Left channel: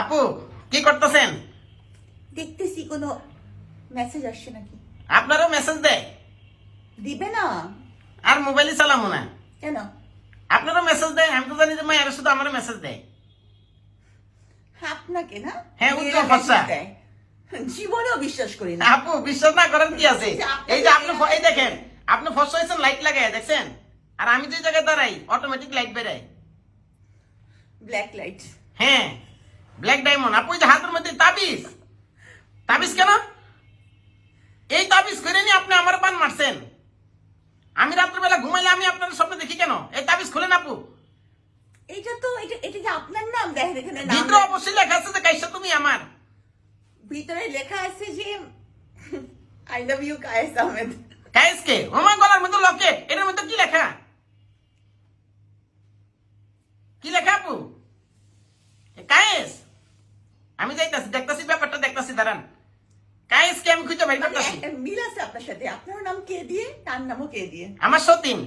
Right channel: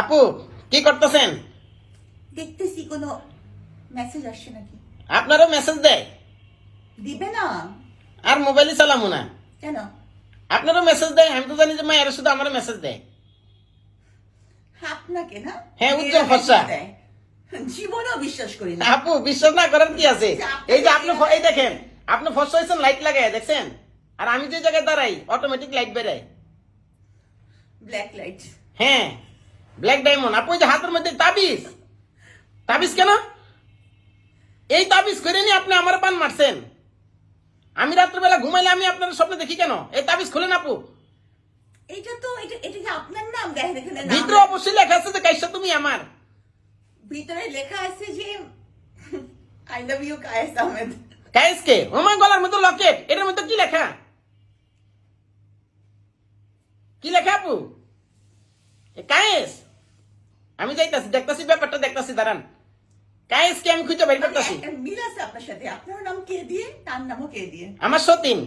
আপু কি করতেছেন? দেখতেছি কোনো মেসেজ আসছে নাকি। আপনারও মেসেজ দেয়? দিবে না আর মোবাইলে চালামো না। কেন? আপনারও মেসেজ দেয়? আমি তো জানি যে মায়ের শুধু আমার মেসেজ দেয়। আপনাকে না? হ্যাঁ, মেয়েরা উজ্জ্বল message ফর্সা। দেয়। জীবনেও বিশ্বাস করি না। আপু বিশ্বাস না করেন কি আছে? এই যে আপনি এই দেখেন, আপনি ফর্সা হয়েছেন লাইট লাগায় দেখছেন, আর আমি যে জায়গায় দাঁড়াই অটোমেটিক লাইট বেরায়। Black light. হ্যাঁ, ব্ল্যাক ডায়মন্ড। আপু এই যে হাতের মধ্যে তাবিজ, তাবিজ কেন? এই তাবিজ করে নিয়ে আপনি আমার পান মারছেন। আমি রাত্রেবেলা ঘুমাইলে আমি আপনার স্বপ্ন দেখি কেন? এই তাবিজ খুলেন আপু। এটা তো এটা এটা কি আপনার নাম? দেখেন এখানে নাম ভিতরে অবশ্যই লেখা আছে যে কাইসা তুমি আমার। ভিতরে লেখা আছে যে I love you Kayes Ahmed. কায়েসকে ওমাই গলার মধ্যে লকেট, এটার মধ্যে কি লেখা? কি লেখা আপু? কায়েস, আমি যাইতাছি, দেখতাছি ব্যাপারটা, দেখতাছি দাঁড়ান। কায়েসকে আমি খুঁজে বের মানে করতেছি। একটা মিল আছে আপনার সাথে। আপনার নাম কে দিয়ে, তার নামও কে দিয়ে? আমার সতীন।